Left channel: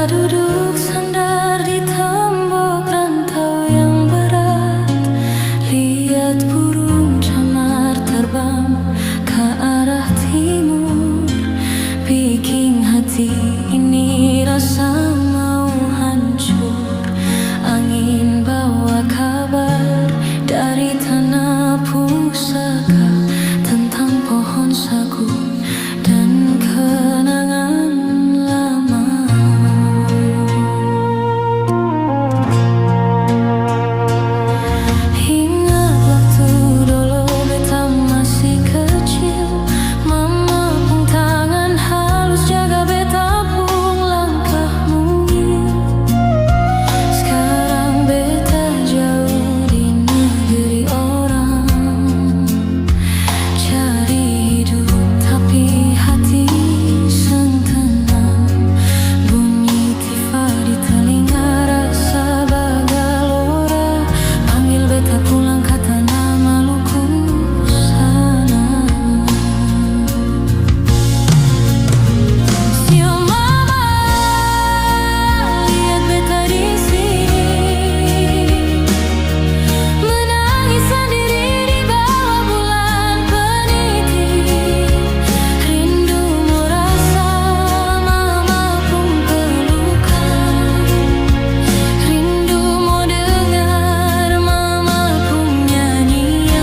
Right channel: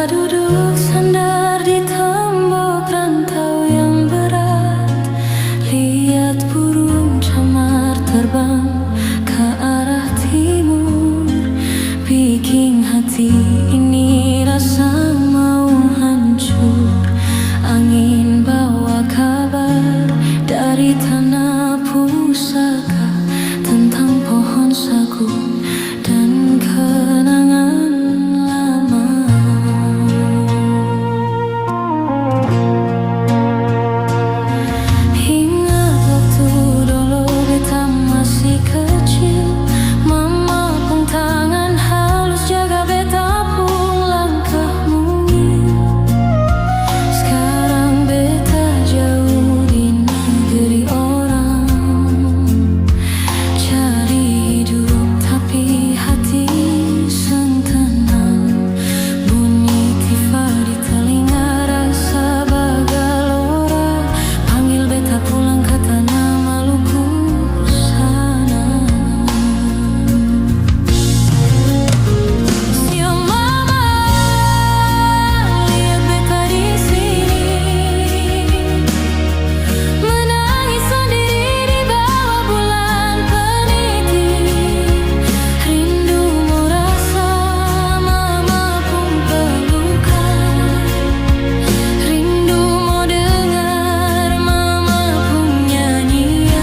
Beta duduk sandar di tembok rantau yang berat, lihat burung camar terbang ke arah timur. Bikin hati ini rasa mau hancur. Angin bawa kabar dari tanah pusaka tentang pohon sagu dan kenangan lama. Ingat waktu dulu beta masih kecil, mama pung tangan halus jaga beta pung langkah mungil. Sekarang beta jauh di negeri orang, cari hidup tapi hati seng tenang. Bunyi tifa di telinga, rasa bagalora, panggil beta pulang ke tanah Maluku sana. Sio mama, lihat beta di sini, menangis sendiri di bawah bulan peniti. Rindu mau rasa mama pun pelukan, rindu mau dengar mama pun nyanyian.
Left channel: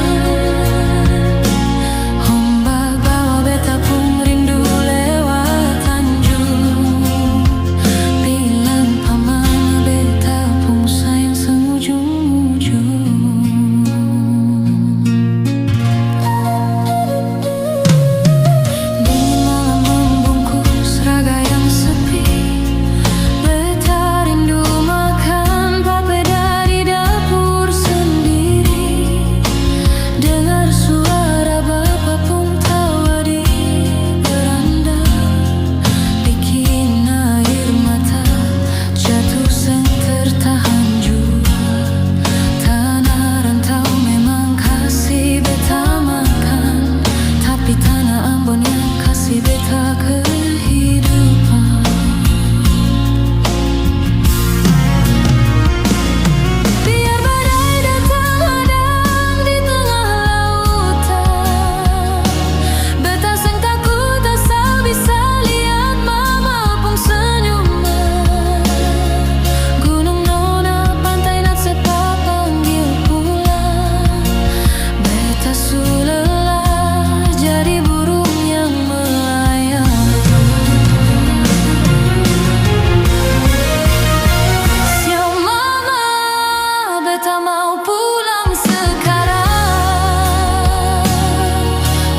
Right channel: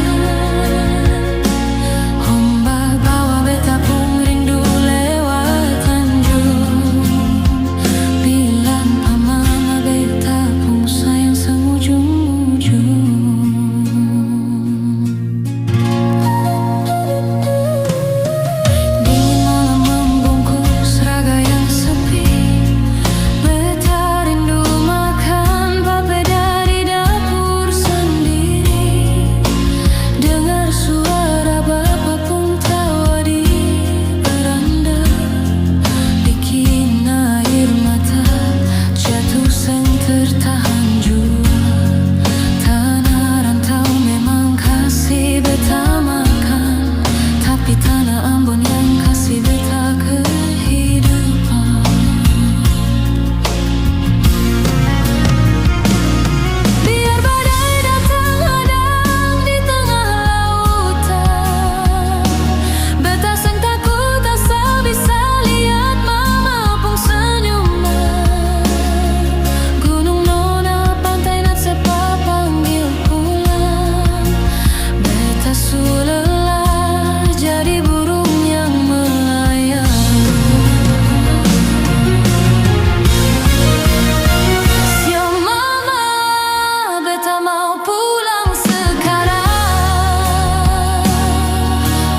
Ombak bawa beta pun rindu lewat Tanjung, bilang pa mama beta pun sayang sengujung-ujung. Dingin malam membungkus raga yang sepi, beta rindu makan papeda di dapur sendiri. Dengar suara bapa pun tawa di beranda, bikin air mata jatuh seng tertahan jua. Tanah rantau memang kasih beta makan, tapi tanah Ambon yang kasih beta kehidupan. Biar badai datang hadang di tengah lautan, beta seng takut asal bisa lihat mama pung senyuman. Gunung Nona, pantai Natsepa panggil pulang, beta su lelah jadi burung yang melayang. Sio mama, beta mau pulang sekarang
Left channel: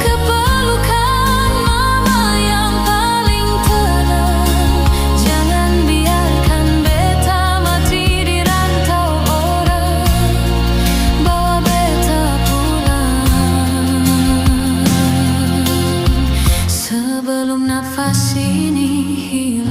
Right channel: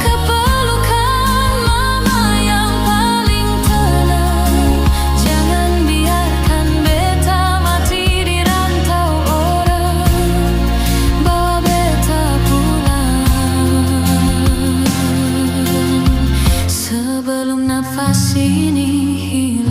ke pelukan mama yang paling tenang. Jangan biarkan beta mati di rantau orang, bawa beta pulang sebelum nafas ini hilang.